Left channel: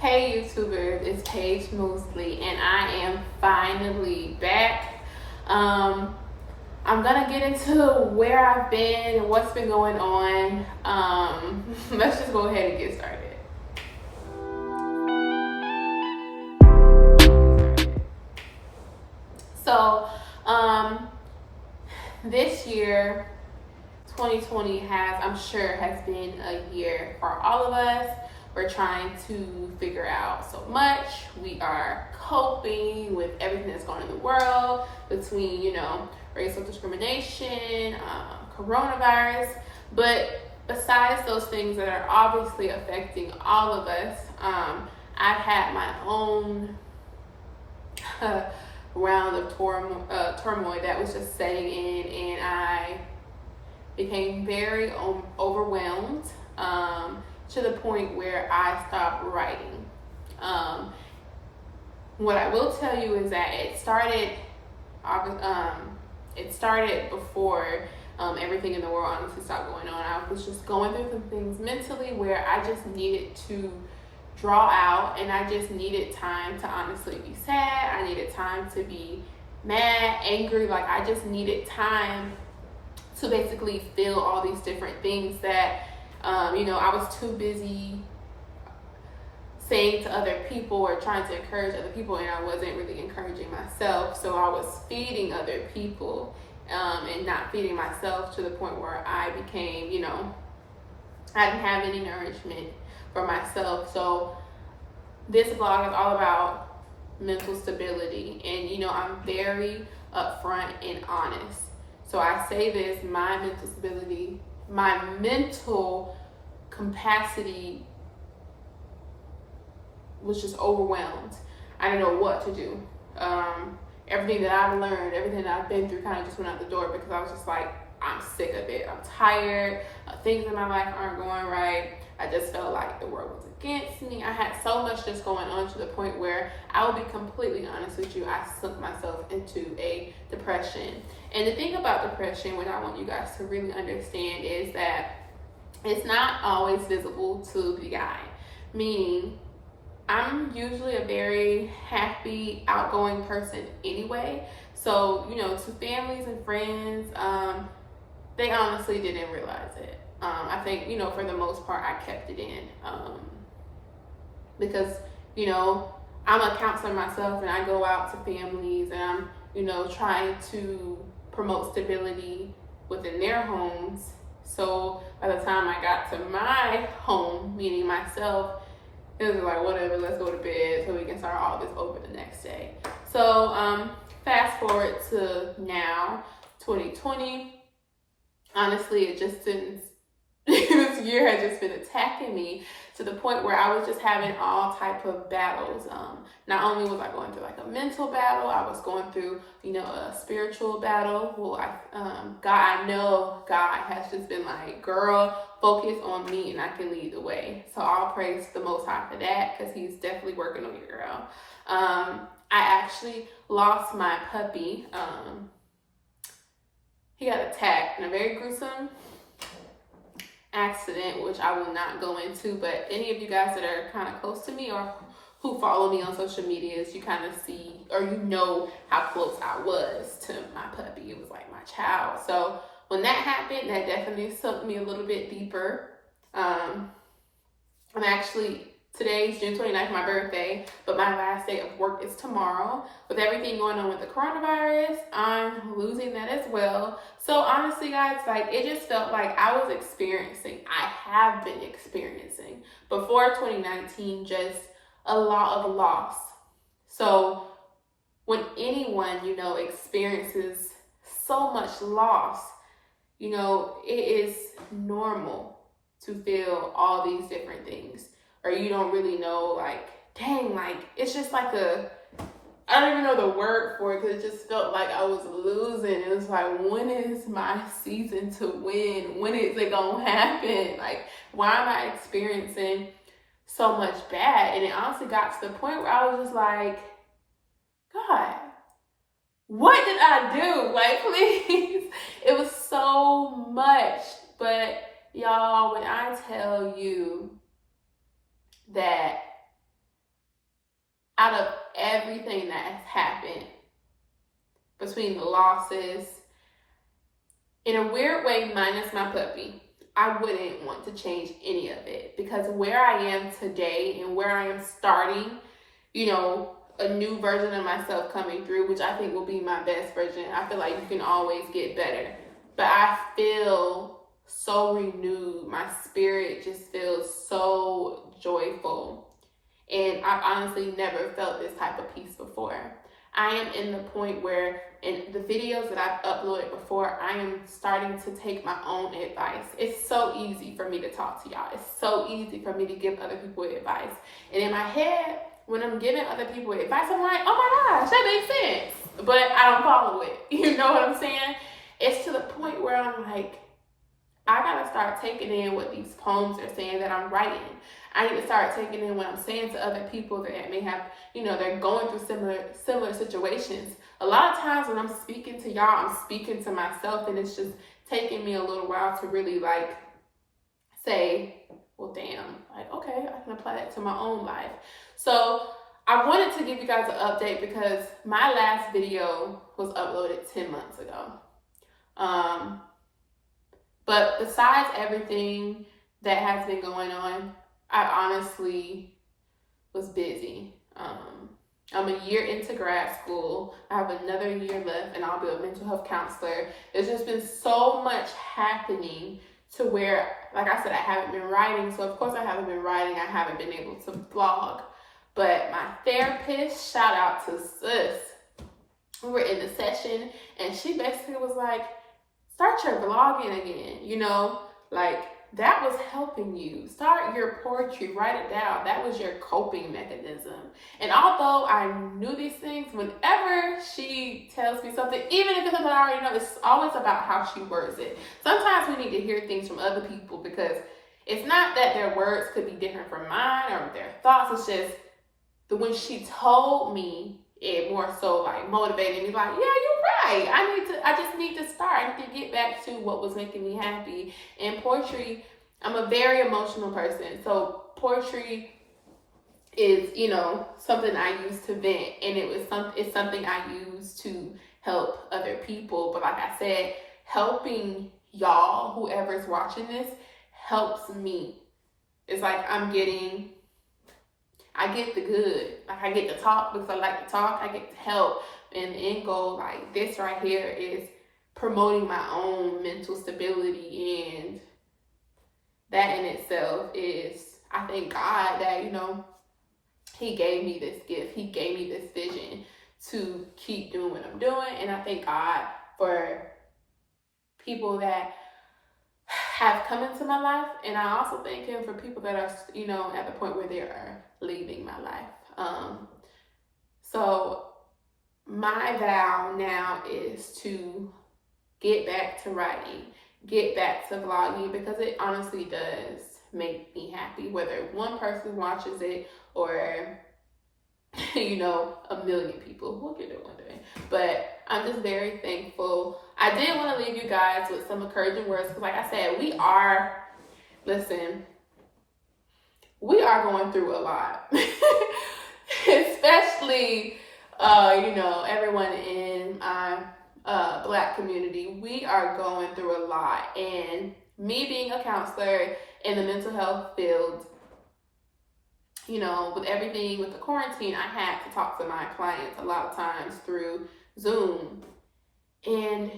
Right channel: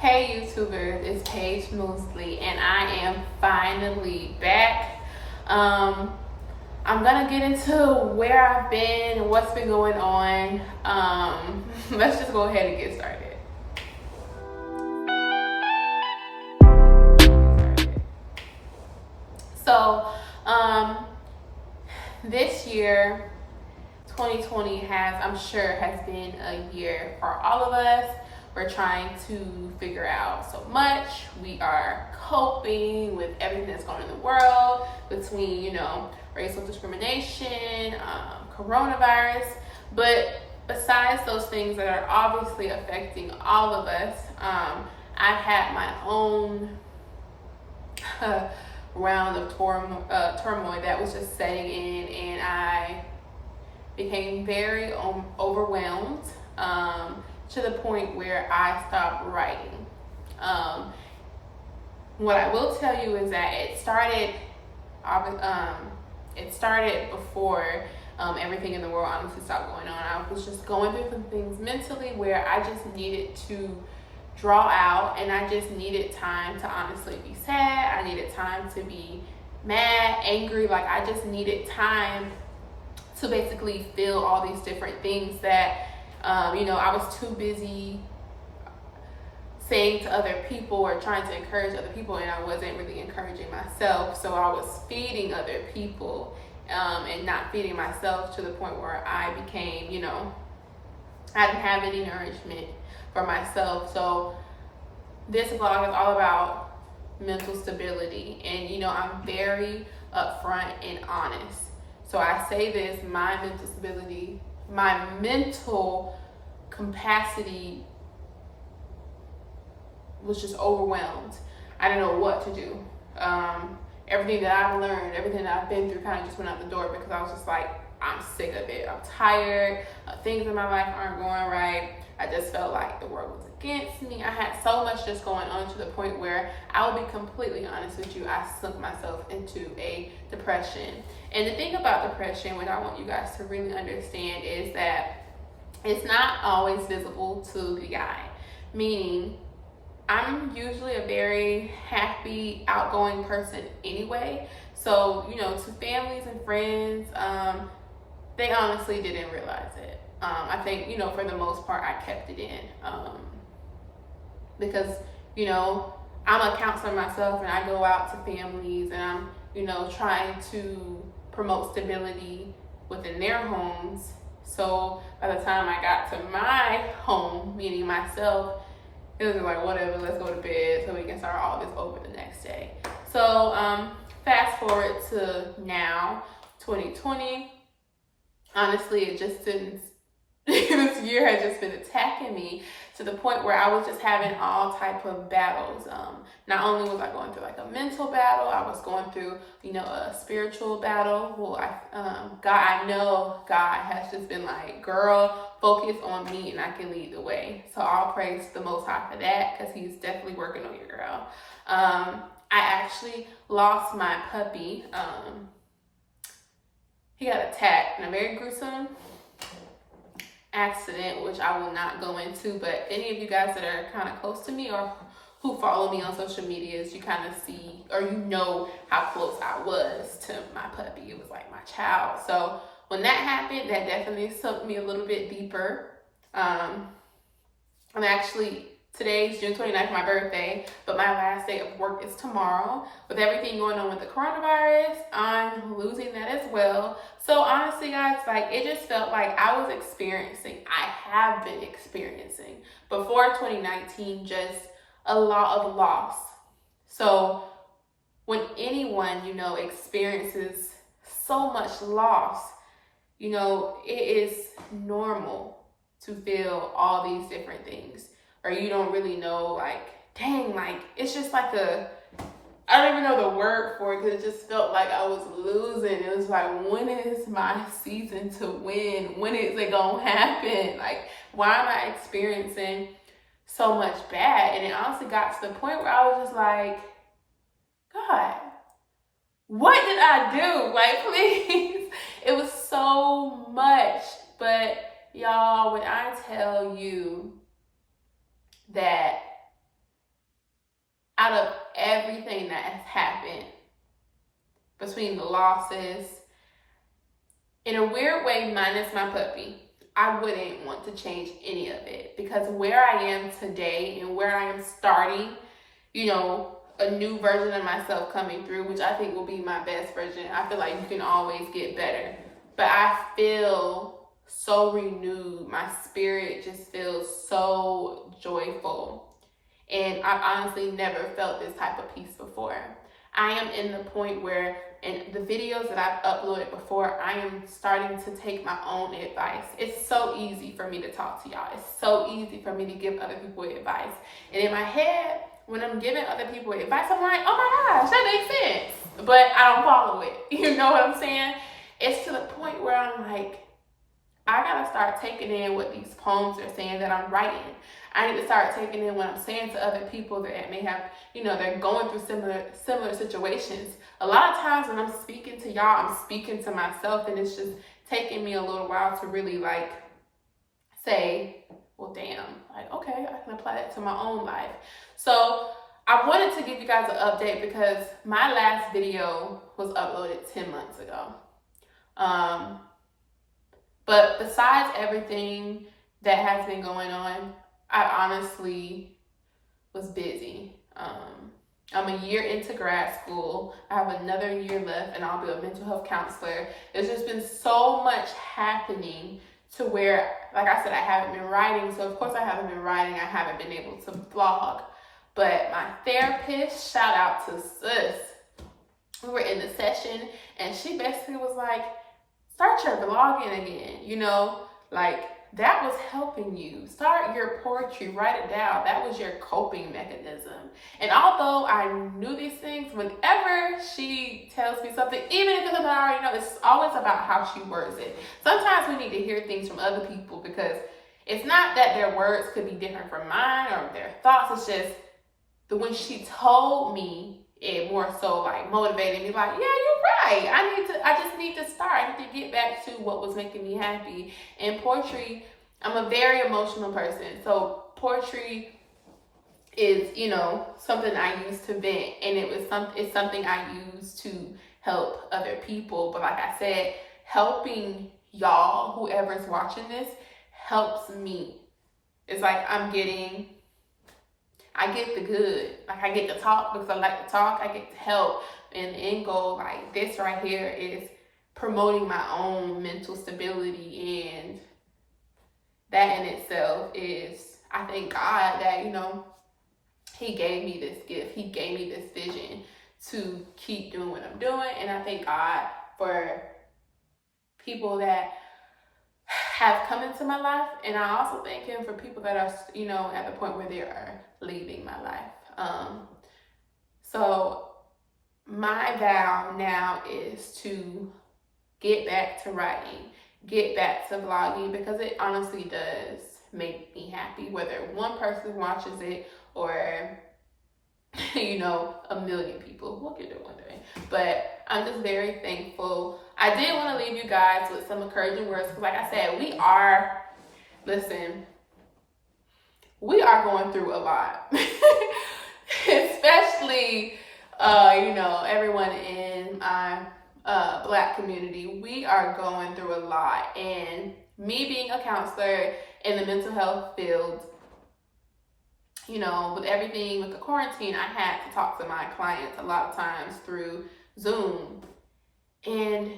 Hey YouTubers, it's Paige Mosley and I am finally back. I'm gonna get into where I've been and what's been going on. Let's just go ahead and get started. So, this year, 2020 has been a year for all of us. We're trying to figure out so much. We are coping with everything that's going on in the world between, racial discrimination, coronavirus. But besides those things that are obviously affecting all of us, I've had my own round of turmoil that was just setting in, and I became very overwhelmed to the point where I stopped writing. What I will tell you is that it started before everything in the world honestly stopped going on. I was just going through some things mentally where I just needed to draw out, and I just needed time to honestly be sad. I needed time to be mad, angry. Like, I just needed time to basically feel all these different things that I was too busy saying to other people or trying to encourage other people, and I wasn't really encouraging myself. So I was feeding other people and not feeding myself, to the point where I became, I didn't have any nourishment for myself. So this vlog is all about mental stability, and I'm very upfront and honest. So I say this: my mental stability, my mental capacity was just overwhelmed. I didn't know what to do. Everything that I've learned, everything that I've been through kind of just went out the door, because I was just like, I'm sick of it. I'm tired. Things in my life aren't going right. I just felt like the world was against me. I had so much just going on, to the point where, I will be completely honest with you, I sunk myself into a depression. And the thing about depression, what I want you guys to really understand, is that it's not always visible to the eye. Meaning, I'm usually a very happy, outgoing person anyway. So, to families and friends, they honestly didn't realize it. I think, for the most part, I kept it in. Because, I'm a counselor myself, and I go out to families, and I'm, trying to promote stability within their homes. So by the time I got to my home, meaning myself, it was like, whatever, let's go to bed so we can start all this over the next day. So fast forward to now, 2020. Honestly, it just didn't, this year has just been attacking me, to the point where I was just having all type of battles. Not only was I going through like a mental battle, I was going through, a spiritual battle. Well, I know God has just been like, girl, focus on me and I can lead the way. So I'll praise the Most High for that, because he's definitely working on your girl. I actually lost my puppy. He got attacked in a very gruesome accident, which I will not go into, but any of you guys that are kind of close to me or who follow me on social medias, you kind of see, or how close I was to my puppy. It was like my child. So when that happened, that definitely sunk me a little bit deeper. Today's June 29th, my birthday, but my last day of work is tomorrow. With everything going on with the coronavirus, I'm losing that as well. So honestly, guys, it just felt like I have been experiencing before 2019, just a lot of loss. So when anyone, experiences so much loss, it is normal to feel all these different things. Or you don't really know, it's just like I don't even know the word for it, because it just felt like I was losing. It was like, when is my season to win? When is it gonna happen? Why am I experiencing so much bad? And it honestly got to the point where I was just like, God, what did I do? Please. It was so much. But y'all, when I tell you that out of everything that has happened, between the losses, in a weird way, minus my puppy, I wouldn't want to change any of it, because where I am today and where I am starting, you know, a new version of myself coming through, which I think will be my best version. I feel like you can always get better, but I feel so renewed. My spirit just feels so joyful, and I've honestly never felt this type of peace before. I am in the point where, in the videos that I've uploaded before, I am starting to take my own advice. It's so easy for me to talk to y'all. It's so easy for me to give other people advice. And in my head, when I'm giving other people advice, I'm like, oh my gosh, that makes sense. But I don't follow it. You know what I'm saying? It's to the point where I'm like, I gotta start taking in what these poems are saying that I'm writing. I need to start taking in what I'm saying to other people that may have, you know, they're going through similar situations. A lot of times when I'm speaking to y'all, I'm speaking to myself, and it's just taking me a little while to really like say, well, damn, like, okay, I can apply that to my own life. So I wanted to give you guys an update because my last video was uploaded 10 months ago. But besides everything that has been going on, I honestly was busy. I'm a year into grad school. I have another year left, and I'll be a mental health counselor. There's just been so much happening to where, like I said, I haven't been writing. So of course I haven't been writing. I haven't been able to vlog. But my therapist, shout out to sis, we were in the session, and she basically was like, start your vlogging again, you know, like that was helping you. Start your poetry, write it down. That was your coping mechanism. And although I knew these things, whenever she tells me something, even if it's something I already know, it's always about how she words it. Sometimes we need to hear things from other people, because it's not that their words could be different from mine or their thoughts. It's just that when she told me, it more so like motivated me, like, yeah, you're right. I just need to start. I need to get back to what was making me happy. And poetry, I'm a very emotional person. So poetry is, you know, something I use to vent, and it's something I use to help other people. But like I said, helping y'all, whoever's watching this, helps me. It's like I get the good. Like, I get to talk because I like to talk. I get to help. And the end goal, like this right here, is promoting my own mental stability. And that in itself is, I thank God that, you know, he gave me this gift. He gave me this vision to keep doing what I'm doing. And I thank God for people that have come into my life, and I also thank him for people that are, you know, at the point where they are leaving my life. So my vow now is to get back to writing, get back to vlogging, because it honestly does make me happy, whether one person watches it or, you know, a million people. We'll get there one day. But I'm just very thankful. I did want to leave you guys with some encouraging words, because like I said, we are going through a lot. Especially, you know, everyone in my Black community. We are going through a lot. And me being a counselor in the mental health field, you know, with everything with the quarantine, I had to talk to my clients a lot of times through Zoom. And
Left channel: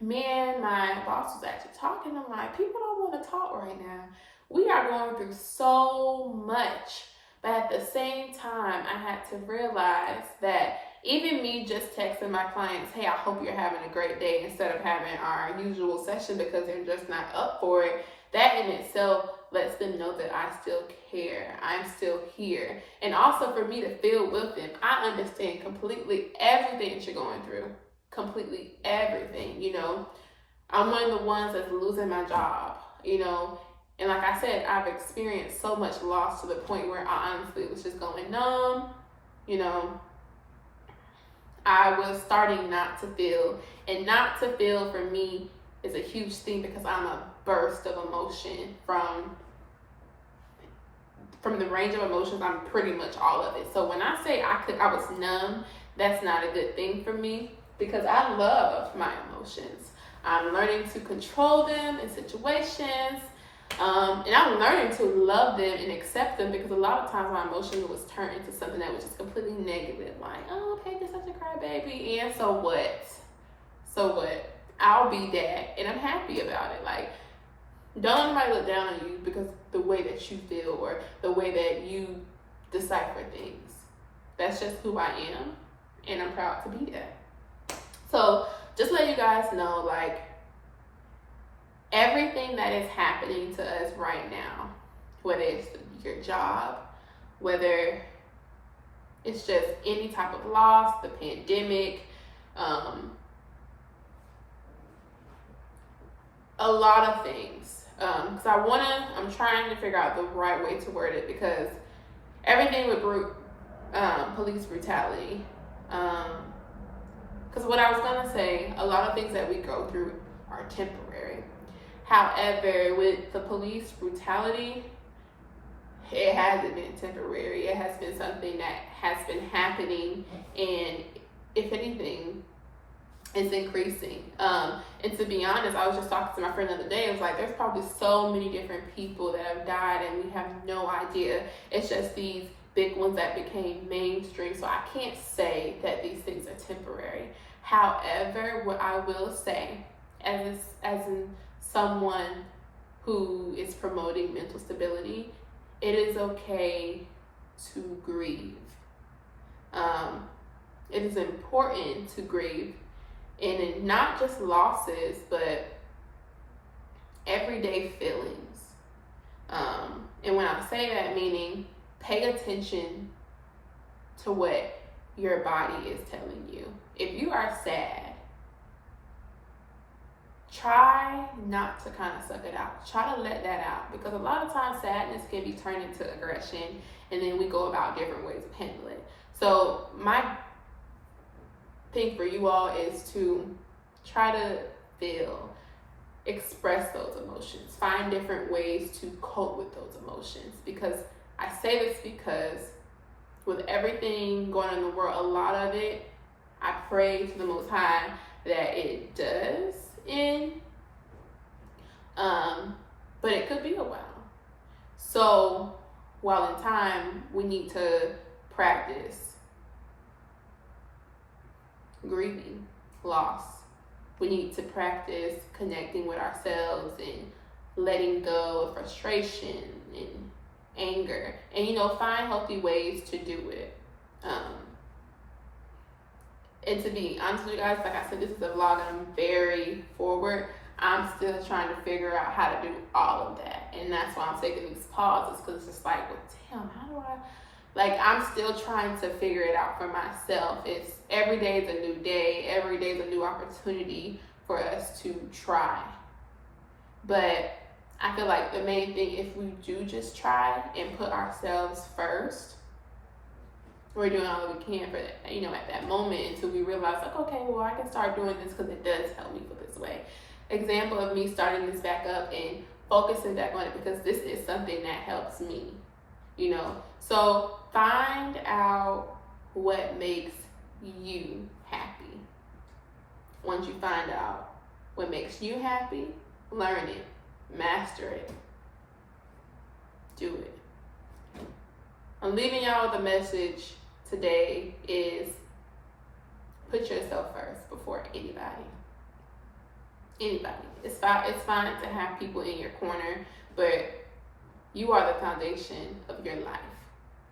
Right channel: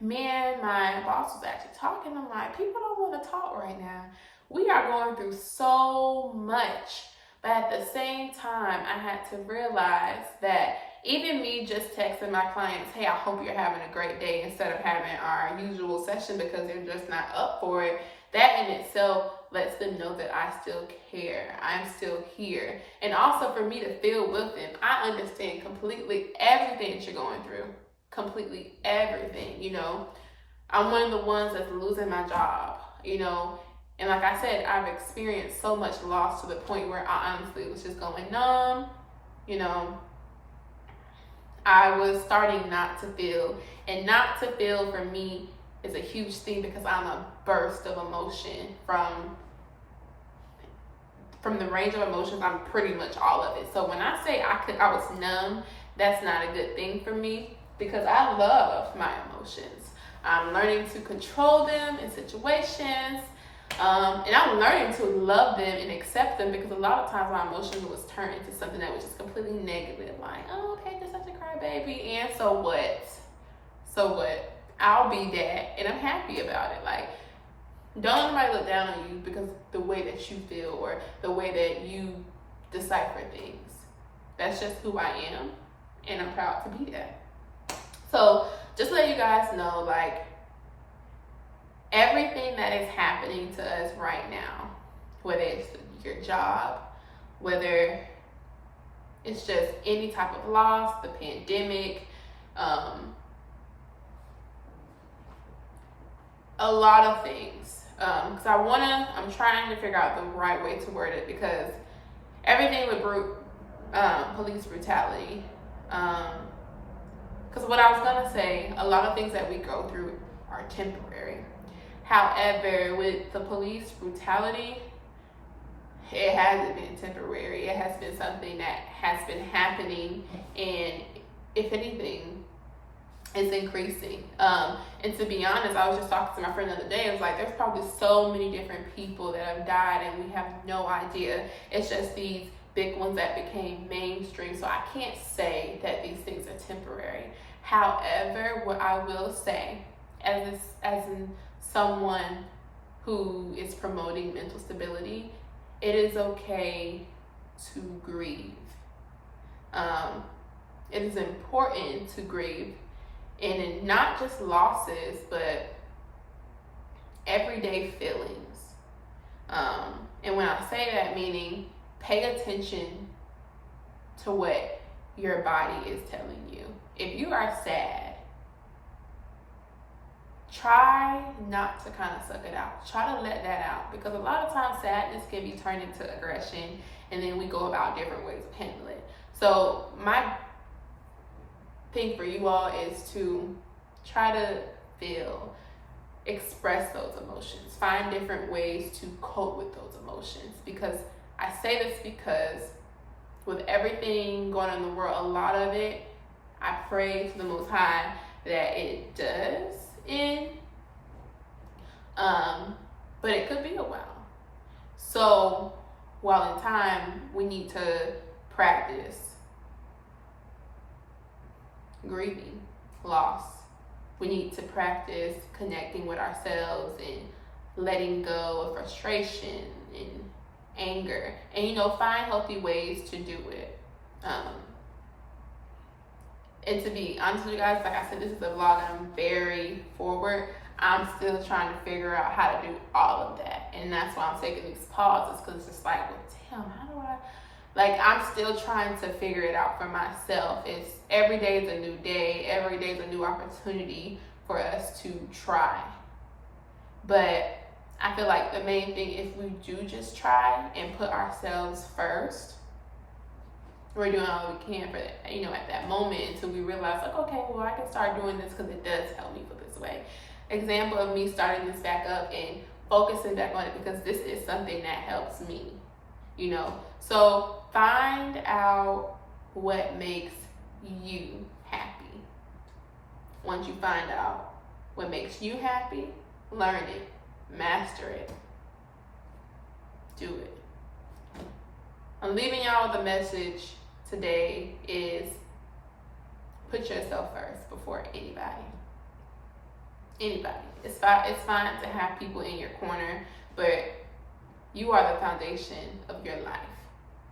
me and my boss was actually talking. I'm like, people don't want to talk right now. We are going through so much. But at the same time, I had to realize that even me just texting my clients, hey, I hope you're having a great day, instead of having our usual session because they're just not up for it, that in itself lets them know that I still care. I'm still here. And also for me to feel with them, I understand completely everything that you're going through. Completely everything, you know. I'm one of the ones that's losing my job, you know. And like I said, I've experienced so much loss to the point where I honestly was just going numb, you know. I was starting not to feel. And not to feel for me is a huge thing, because I'm a burst of emotion from from the range of emotions, I'm pretty much all of it. So when I say I was numb, that's not a good thing for me, because I love my emotions. I'm learning to control them in situations, and I'm learning to love them and accept them, because a lot of times my emotions was turned into something that was just completely negative, like, oh, Paige, you're such a crybaby, and so what? So what? I'll be that, and I'm happy about it. Like, don't let nobody look down on you because the way that you feel or the way that you decipher things. That's just who I am, and I'm proud to be that. So just let you guys know, like, everything that is happening to us right now, whether it's your job, whether it's just any type of loss, the pandemic, a lot of things. Because I'm trying to figure out the right way to word it, because everything with police brutality. Because what I was gonna say, a lot of things that we go through are temporary. However, with the police brutality, it hasn't been temporary. It has been something that has been happening, and if anything, it's increasing. And to be honest, I was just talking to my friend the other day. I was like, there's probably so many different people that have died and we have no idea. It's just these big ones that became mainstream. So I can't say that these things are temporary. However, what I will say, as in someone who is promoting mental stability, it is okay to grieve. It is important to grieve. And not just losses, but everyday feelings. And when I say that, meaning pay attention to what your body is telling you. If you are sad, try not to kind of suck it out. Try to let that out, because a lot of times sadness can be turned into aggression, and then we go about different ways of handling it. So my thing for you all is to try to express those emotions, find different ways to cope with those emotions. Because I say this because with everything going on in the world, a lot of it, I pray to the Most High that it does end, but it could be a while. So while in time, we need to practice grieving loss. We need to practice connecting with ourselves and letting go of frustration and anger, and find healthy ways to do it. And to be honest with you guys, like I said, this is a vlog. I'm very forward. I'm still trying to figure out how to do all of that, and that's why I'm taking these pauses, because it's just like, well, damn, how do I? Like, I'm still trying to figure it out for myself. It's every day is a new day. Every day is a new opportunity for us to try. But I feel like the main thing, if we do just try and put ourselves first, we're doing all that we can for that, at that moment, until we realize, like, okay, well, I can start doing this because it does help me feel this way. Example of me starting this back up and focusing back on it, because this is something that helps me, So find out what makes you happy. Once you find out what makes you happy, learn it, master it, do it. I'm leaving y'all with a message today is put yourself first before anybody. Anybody. It's fine to have people in your corner, but you are the foundation of your life.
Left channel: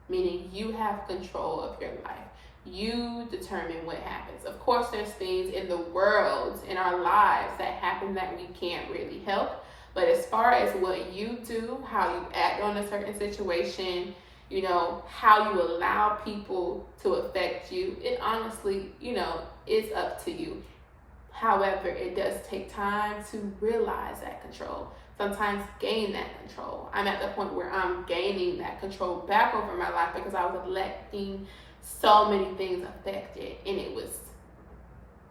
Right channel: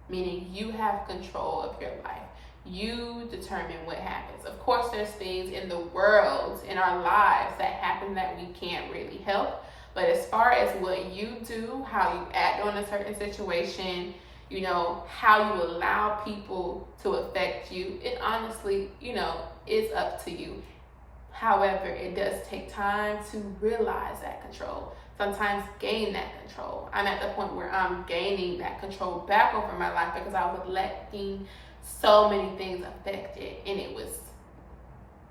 Meaning you have control of your life. You determine what happens. Of course, there's things in the world, in our lives, that happen that we can't really help. But as far as what you do, how you act on a certain situation, how you allow people to affect you, it honestly, is up to you. However, it does take time to realize that control. Sometimes gain that control. I'm at the point where I'm gaining that control back over my life, because I was letting so many things affect it. And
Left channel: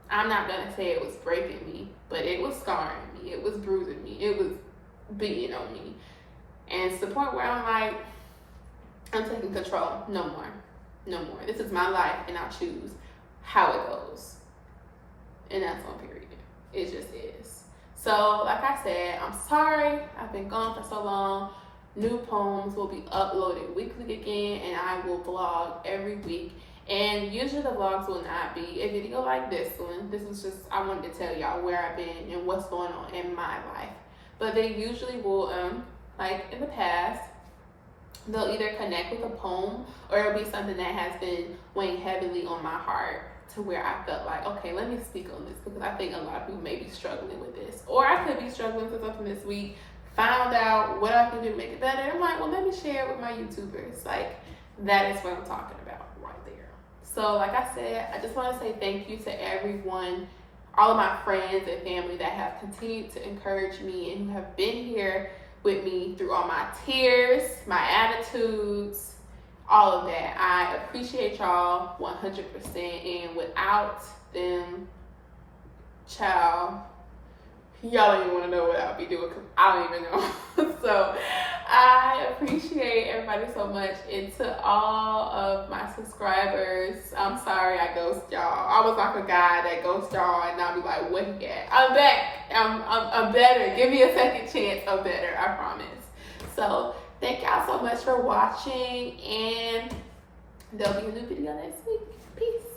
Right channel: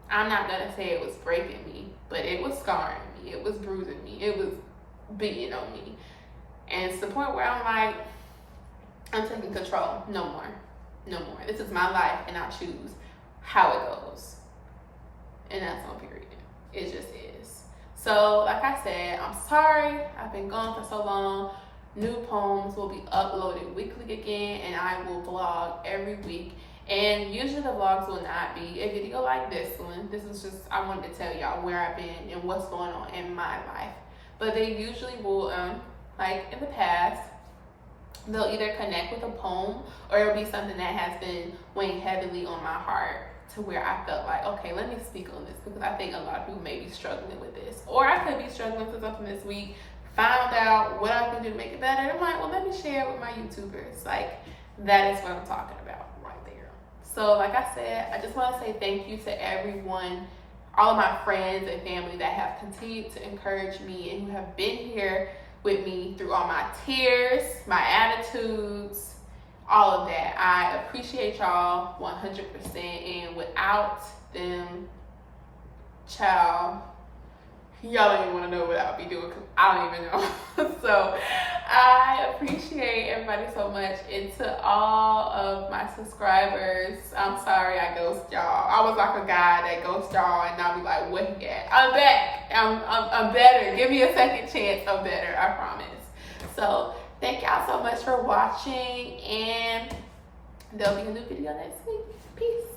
I'm not going to say it was breaking me, but it was scarring me. It was bruising me. It was beating on me. And it's the point where I'm like, I'm taking control. No more. No more. This is my life, and I choose how it goes. And that's on period. It just is. So, like I said, I'm sorry. I've been gone for so long. New poems will be uploaded weekly again, and I will vlog every week. And usually the vlogs will not be a video like this one. This is just, I wanted to tell y'all where I've been and what's going on in my life. But they usually will, like in the past, they'll either connect with a poem, or it'll be something that has been weighing heavily on my heart, to where I felt like, okay, let me speak on this, because I think a lot of people may be struggling with this. Or I could be struggling with something this week, found out what I can do to make it better. I'm like, well, let me share it with my YouTubers. Like, that is what I'm talking about right there. So like I said, I just want to say thank you to everyone, all of my friends and family that have continued to encourage me and who have been here with me through all my tears, my attitudes, all of that. I appreciate y'all 100%, and without them, child, y'all don't even want to know what I'll be doing, because I don't even know. So I appreciate everybody so much, and to all of my subscribers, I'm sorry I ghost y'all. I was like a guy that ghost y'all, and I'll be like, what he at? I'm back. I'm better. Give me a second chance. I'm better. I promise. So thank y'all so much for watching, and there'll be a new video next week. Peace.